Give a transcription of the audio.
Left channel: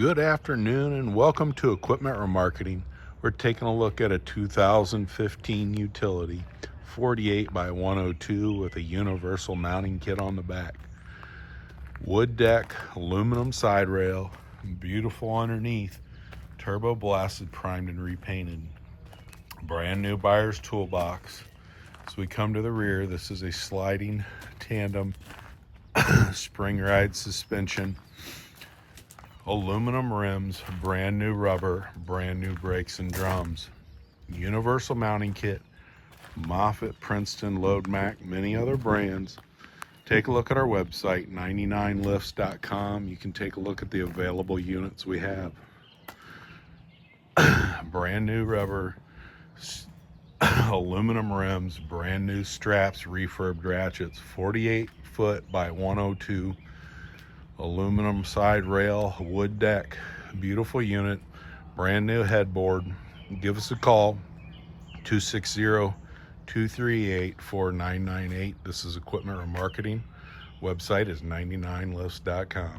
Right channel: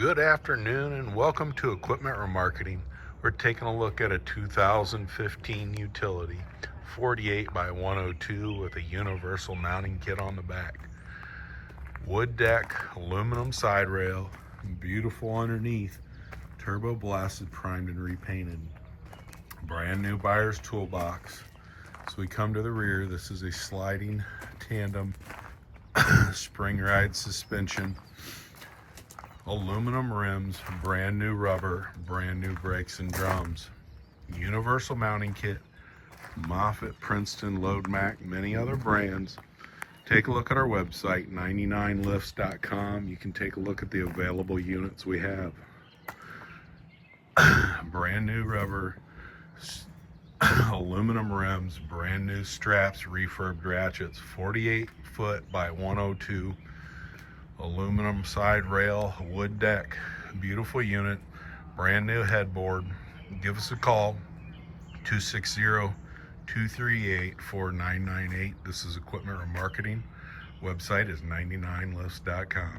Good afternoon and welcome to Equipment Remarketing. We're taking a look at a 2015 utility 48 by 102 with a universal mounting kit on the back. Wood deck, aluminum side rail, beautiful underneath, turbo blasted, primed and repainted. Brand new buyer's toolbox. So we come to the rear. This is a sliding tandem spring ride suspension. Aluminum rims, brand new rubber, brand new brakes and drums. Universal mounting kit, Moffett, Princeton, LoadMac, many other brands. Take a look at our website, 99lifts.com. You can take a look at the available units we have. Brand new rubber, aluminum rims, brand new straps, refurbed ratchets, 48 foot by 102. Aluminum side rail, wood deck, beautiful unit, brand new headboard. Give us a call, 260-238-4998. This is Equipment Remarketing. Website is 99lifts.com.